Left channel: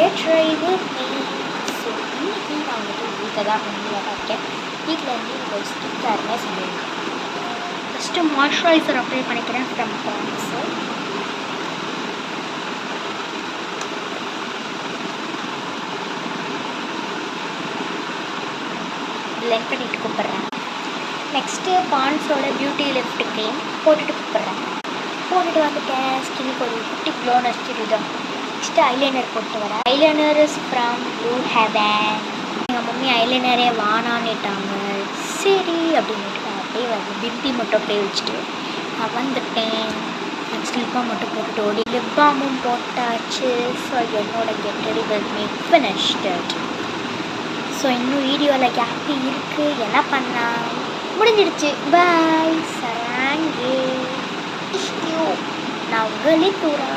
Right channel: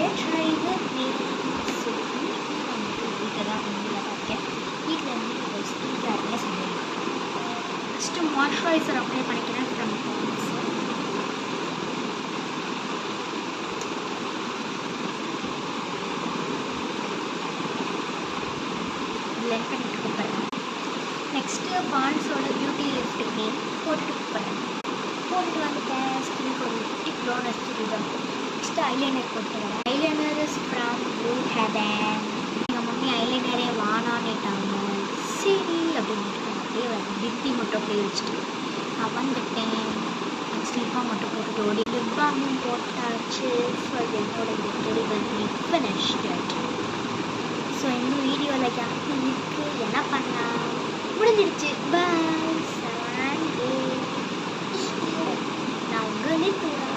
Get ready with me. So இன்னைக்கு நான் வந்துட்டு வீட்டில் தான் இருக்கேன். வீட்டில் இருந்து ஒரு ஸ்கின் கேர்னே சொல்லியிருக்கேன். ஃபஸ்ட்டு மாய்ஸ்சரைசர் அப்ளை பண்ணிக்கிறேன் ஃப்ரம் பான்ஸு. பிளெண்ட் பண்ணிட்டு கூப்பிட்றேன். நெக்ஸ்ட்டு பான்ஸோட பியூட்டி லிஃப்ட் க்ரீம் போட்டுட்டு கூப்பிட்றேன். போட்டுட்டு வந்துட்டேன். ஸ்கின்னுக்கு ஒரு குட்டி க்ளோனஸ் இதுதான். நெக்ஸ்ட்டு ஐலைனர் போட்டு வரேன். Eyeliner is from blue heaven. எங்கள் மம்மி ஐலைனரே வானான்னுட்டாங்க. சரி அப்படின்ட்டு நான் அப்படியே வந்து பிப்பி மட்டும் அப்படியே வச்சுட்டு நான் வந்துட்டேன். நெக்ஸ்ட் லிப்பாம் மட்டும் போட்டுட்டு ஓடி லிப்பாமும் போட்டாச்சு. ஸோ என்னோட get ready with me finished. So இன்னும் வீடியோவில் கேப்பி இருக்குது. என்ன பண்ணலாம், முடிஞ்சிடுச்சு. பாய் சராங்கே. நான் உங்களே தூரா.